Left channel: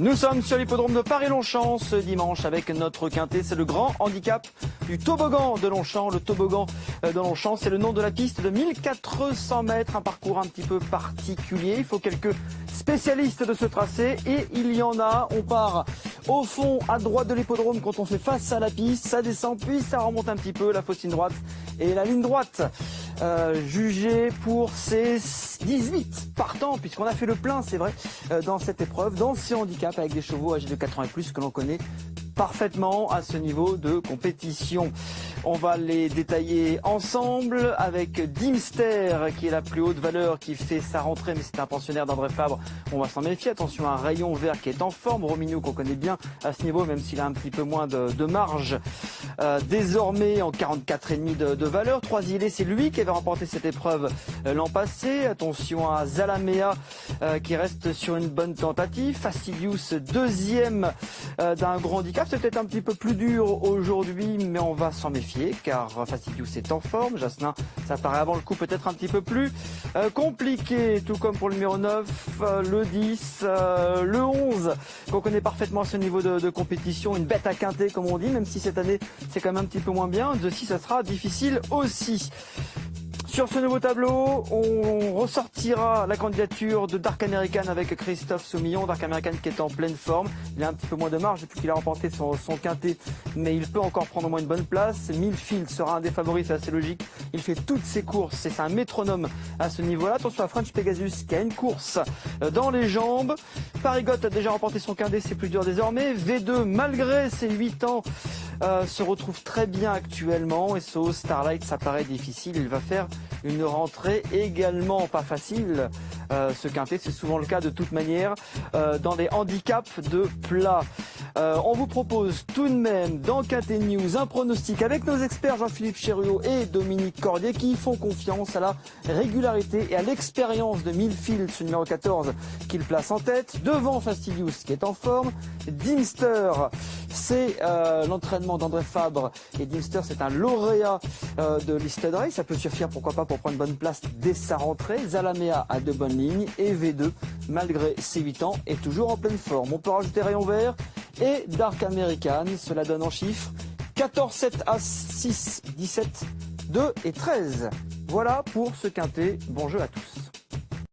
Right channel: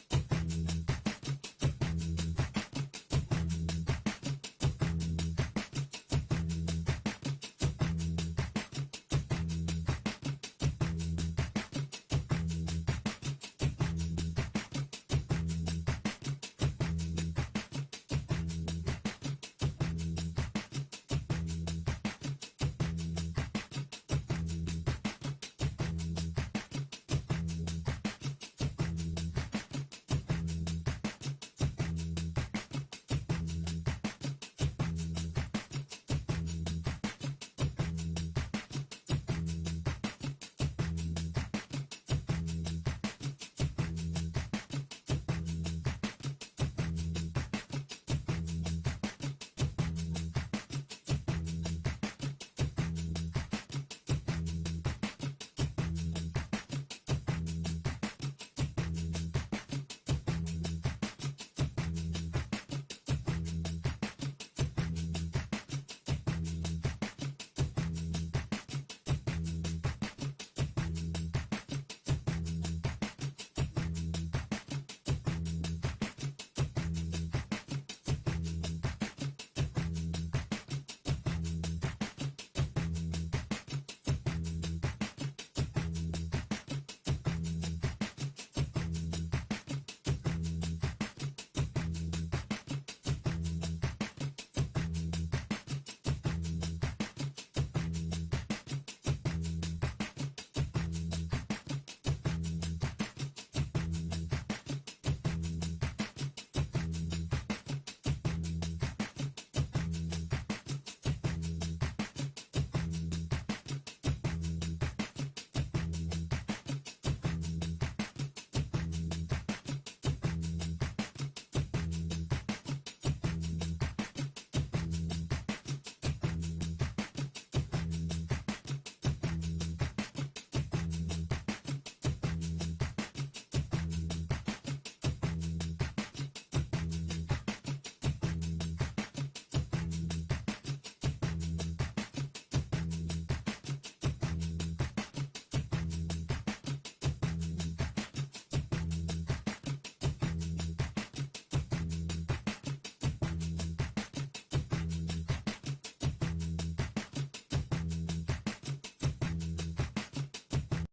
Nous sommes sur l'hippodrome de Paris-Longchamp ce dimanche avec notre quintet. C'est le grand handicap du toboggan de Longchamp. Le toboggan de Longchamp, c'est le nom de la piste de 1400 mètres. Un parcours un petit peu particulier. Il faut quelques spécialistes de ce tracé et il y en a. On part au fond à droite de l'hippodrome quand on fait face à la piste. Ça descend puis ça remonte un petit peu. La fausse ligne droite et la ligne droite. Jugé pour ses 18 partants, puisqu'on a fait le plein, c'est vrai, dans cette épreuve, dans ce handicap avec des chevaux âgés de 4 ans et plus que l'on connaît parfaitement à ce niveau de compétition. On va les détailler ensemble avec Dimster qui est la plus haute valeur, qui fait sa rentrée, mais c'est un pensionnaire d'André Fabre. On va s'en méfier. Attention à un Rayon Vert qui est en forme. Rominou qu'on connaît bien à ce niveau, même s'il a un petit peu moins de marge. Désormais en 44,5 de valeur. 3 îlets, c'est lui qui avait remporté cette épreuve l'an passé. Attention à Zalamea qui reste sur une bonne tentative. Fastidious deuxième d'un grand handicap. C'est peut-être un petit peu plus dur aujourd'hui, mais on va s'en méfier car Fastidious est en forme. Jasmin, ça paraît avant le coup peut-être un petit peu plus compliqué, tout comme pour le numéro 9, le 10, le 11 qu'on connaît parfaitement à ce niveau de compétition. Une bête à quinter comme on dit, même si cette année c'est quand même un petit peu moins bien. De 6 ça sera difficile aussi. Sur ce nouveau tableau, on ressortira la candidature de Dark American avec Christophe Soumillon. Dark American qui est en pleine forme. Il a un petit peu moins de marge depuis qu'il a remporté son quintet, mais il peut encore prendre au moins une bonne place. Millfield sera un des favoris, c'est assez logique. Il fait toutes ses courses, c'est un métronome à ce niveau-là. Attention à French Pegasus qui a une course dans les jambes. Parigot a déjà remporté son quintet, c'est plus dur désormais. V2, malgré ses 8 ans, se retrouve très bien actuellement. Et So Starlight, ça paraît difficile. Il va faire une rentrée également pas facile. Ce quintet, c'est souvent le cas de toute manière dans des handicaps de plat. On vous propose tout de même dans Quintet News un pronostic avec nos experts Jean-Philippe Chériot et Dominique Cordier qui font confiance à la régularité et à l'expérience de Millfield, ce numéro 14 qu'il place en tête. Devant Fastidious qui est en forme. Dimster, c'est l'entraînement d'André Fabre et Dimster c'est un lauréat de Listed Race. Ça peut suffire pourquoi pas pour prendre une bonne place dès sa rentrée. Zalamea a de bonnes lignes et V2 malgré ses 8 ans est toujours en pleine forme. On peut rajouter Rayon Vert et Dark American. Cela donne en chiffres 14, 7, As, 6, 17, 2 et 13. Voilà pour ce quintet. Bon jeu à tous.